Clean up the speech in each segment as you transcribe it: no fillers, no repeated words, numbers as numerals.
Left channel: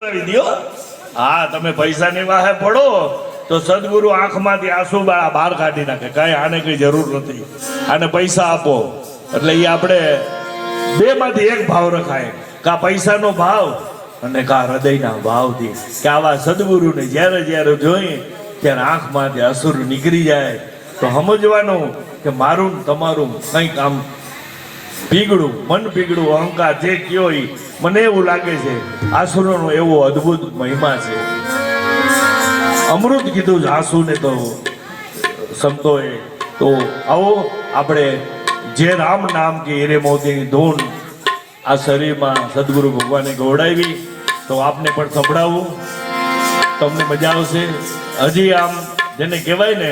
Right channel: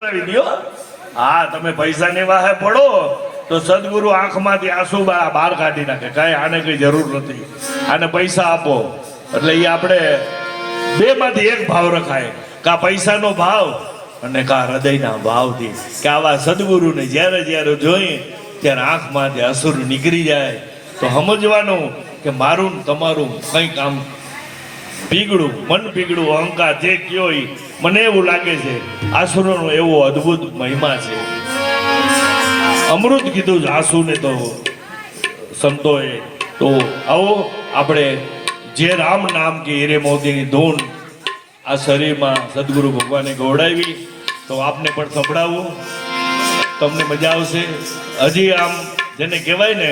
હા, તમે પૈસા ની વાહે પડો તો સદગુરુ આંખમાંથી આંસુ બહાર કાઢી નાખે. કઈ આને કઈ જરૂર નથી, આને પૈસા આપો એટલે એ આપણે બે માંથી એક ભાવ રખાય, કા પૈસાનો ભાવ અને કા હૃદયના ભાવથી. કે આવા સદગુરુને જ્યારે જ્યારે જોઈએ ત્યારે આંખમાંથી અસુર નીકળી જાય તો સમજવાનું કે મારું તમારું કંઈક આમ પીગળું, મન પીગળું, અહંકાર જે કયો એ મને એવું લાગે છે આસુરોનો એવો અદ્ભુત મહિમા છે. અમૃત કીધું છે આસુને તો સંતોએ. તો આવો આપણે જે રામ નામ કે હીરે મોતીની ધૂન આ શરીરમાં સદગુરુ ભગવાને ગવડાવી તો આપને પણ સંભળાવું, તમને મજા આવશે. હજી આમ જેને કહેવાય ને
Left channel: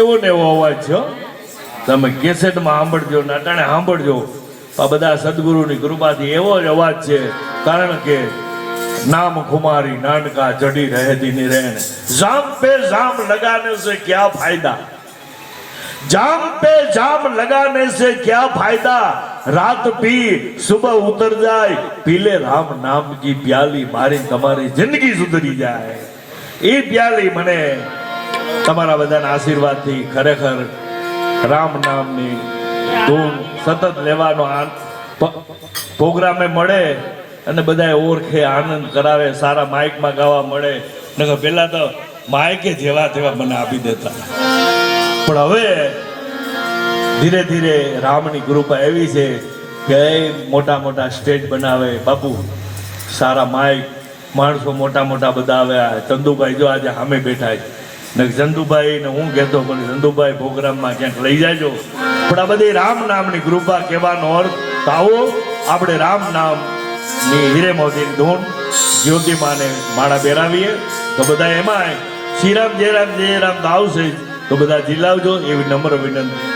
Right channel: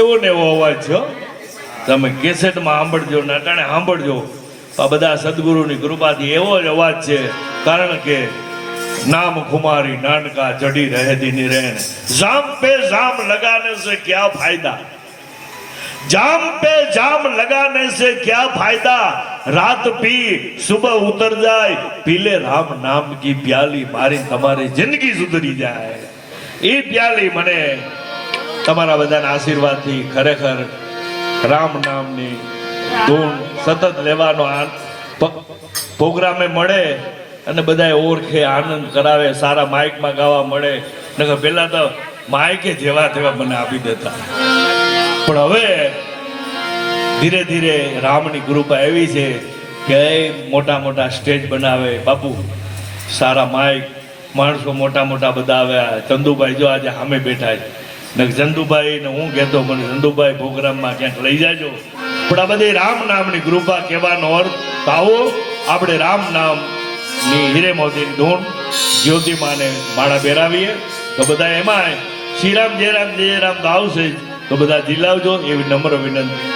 એવો ને એવો અવાજ છે. તમે કેસેટમાં સાંભળજો, નાટાણે સાંભળજો. આ બધા સદગુરુની કૃપાથી એવો જ અવાજ છે. કારણ કે નામ ખુમારી નાનકા ચઢી રહે દીની રહેન, જામ પે જામ લગાને से क्या फायदा, जाम पे जाम लगाने से क्या फायदा, रात पी सुबह उतर जाए, पीले राम नाम की प्याली, मारी તમારી જિંદગી સુધરી જાય. એ પ્યાલી મને તમારા બધાના આશીર્વાદથી ખરેખર રામ નામની ધૂન સતત લેવાનો પ્રોગ્રામે મળે અને બધાએ ઓળખે, આનંદ કરાવે, સારા માઇકમાં ગાવા મળે. નકર પહેલા તો માઇકે જેવા તેવા મને આપી દેતા, પણ હવે ધીરે ધીરે રામની કૃપા એવી છે કે મોટા મોટા સ્ટેજ બનાવે બાપુ, સારા માઇક, માણસો મોટા મોટા બધા આવ્યા. ચંદુભાઈ જો આજે સામે બેઠા છે ને, ચંદુભાઈ ને હું કહેતો મને ચંદુભાઈ પ્રોગ્રામમાં ક્યાંક લઈ જાજો. પણ આ બધી રામ નામની કૃપા કહેવાનો અર્થ. તો આવો આપણે રામ નામની હીરે મોતીની ધૂન જ્યોતિમાને માળા પહેરાવીએ. તો બધા એમાં શ્રીરામ જય રામ તો આવશે, તો બધા જીલાવજો એવી નમ્ર વિનંતી.